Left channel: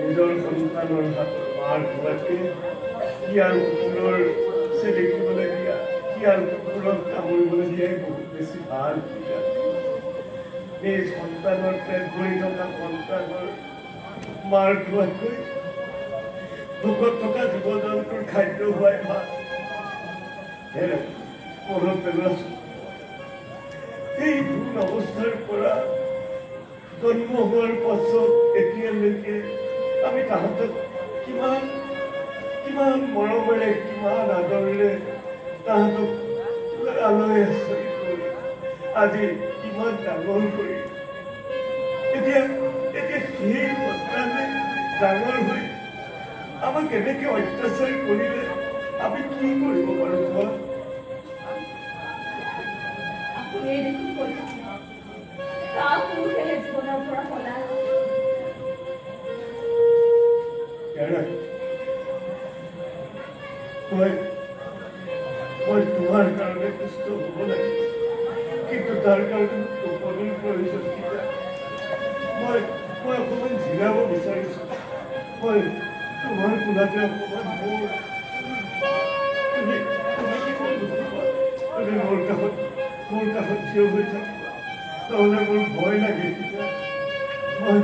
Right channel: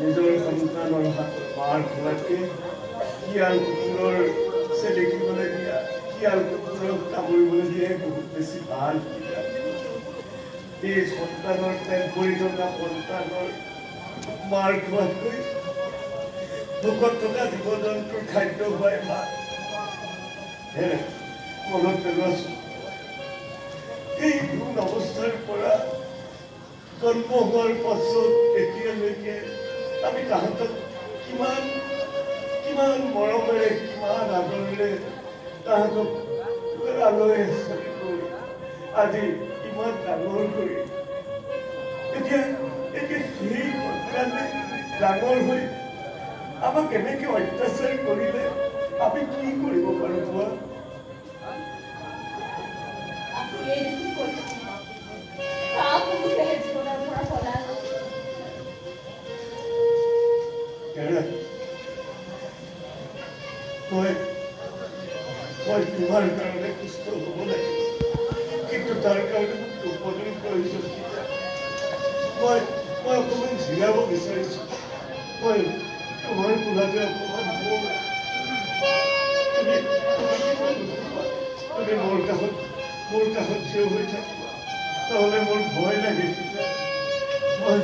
নিজৰ সন্তানৰ হাতৰ মাৰ খোৱাতকে শিয়াল কুকুৰৰ দেখিবলৈ দিয়া শিয়াল কুকুৰক কামুৰিবলৈ দিয়াই বহুত বেছি ভাল। এই সন্তানৰ পেট ভৰি থকা সন্তানৰ মাৰ খোৱাতকৈ ভোকত থকা জীৱ জন্তুৰ খাদ্য খোৱাই ভাল। মনত পেলোৱাচোন, এই ভ্ৰূণ অৱস্থাৰ পৰা জন্ম হোৱাৰ পাছত এতিয়ালৈকে আমি তাহাঁতক কিমান কিমান মৰমেৰে কিমান আদৰেৰে তাহাঁতক আলয় আচৰি কৰি আজি ইমান ডাঙৰ কৰি এতিয়া সেই সন্তানে ডাঙৰ হৈ আমাক এনেকে অত্যাচাৰ কৰিলে আমি কি কৰিব পাৰো কোৱা? মই তোমাৰ কাৰণে সুস্থ হব লাগিব, কিন্তু তাৰ কাৰণে মোক টোপনিৰ প্ৰয়োজন। মই অকমান জিৰাব বিচাৰিছো। মই তোমাৰ কোলাতে অকমান তুমি মোৰ কাষত থিয় হৈ থাকিবা, নহলে মোৰ ভয় লাগে। মই